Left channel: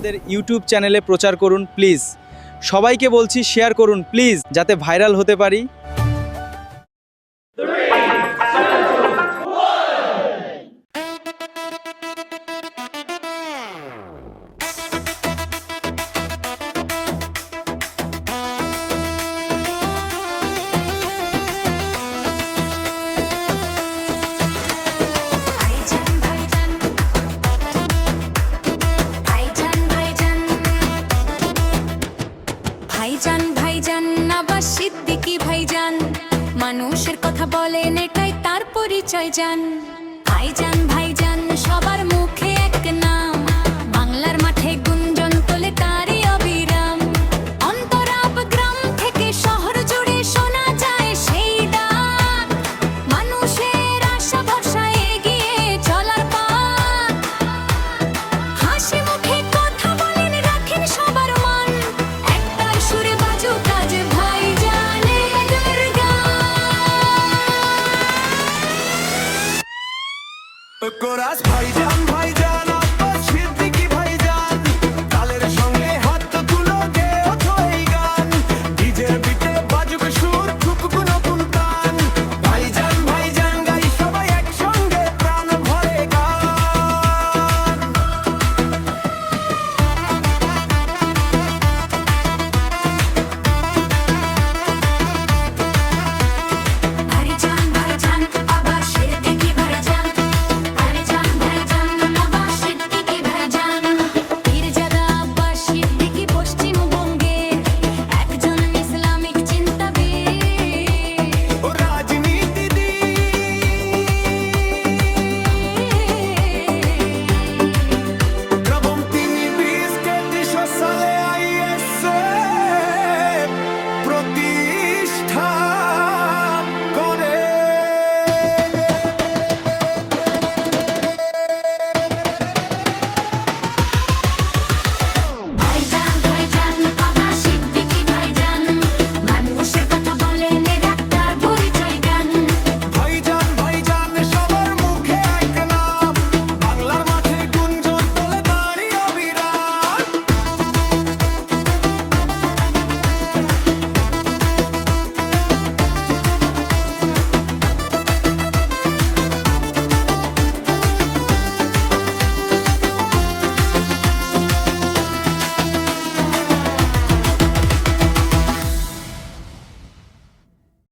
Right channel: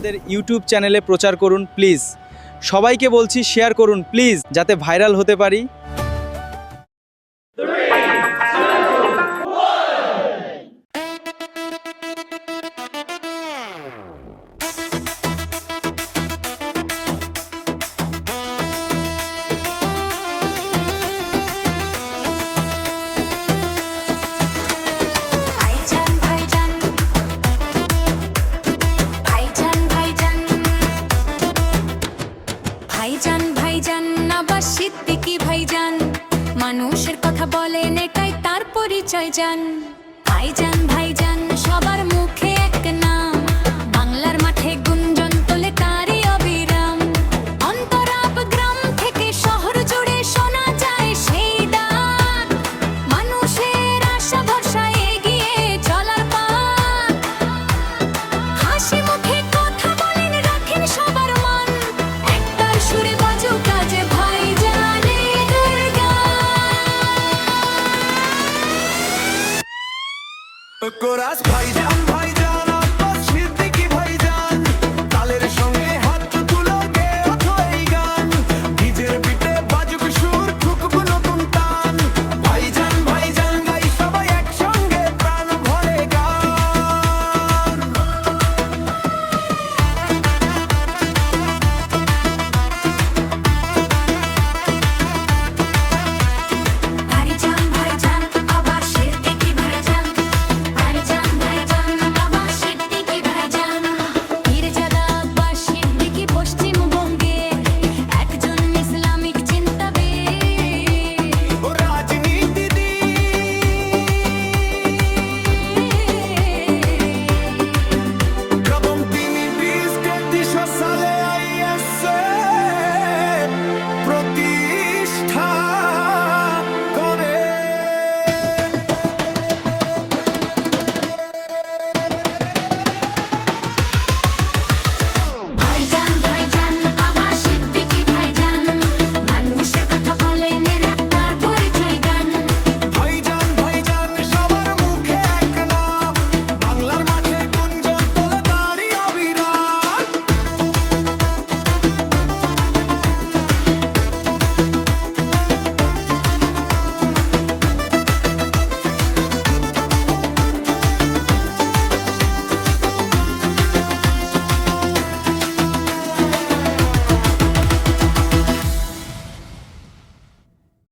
আমাদের ইউটিউব চ্যানেলে প্রচার করুন প্লিজ। সবাইকে বলছি শেয়ার করুন প্লিজ, যাতে ভাইরাল হতে পারি। ভাইজান ভাইজান আবার সিদ্দিকী ভাইজান, মানুষের কথা বলেন এটাই তার পরিচয় জান। ভাইজান ভাইজান সবার মুখে এক নাম, বাংলার মাঠে গুঞ্জন তোলে তারই অবিরাম। অন্তরাপ গ্রাম থেকে শহর জুড়ে শোনা যায় সেই ডাক, মানুষের আশা ভরসা এগিয়ে চলার পাক। হাসি মুখে কথা বলেন, রাখেন সবার মন, একটার সুরে বাজুক আজ ভাইজানের গান। কোরাস ভাইজান ভাইজান আব্বাস সিদ্দিকী ভাইজান, তালের সঙ্গে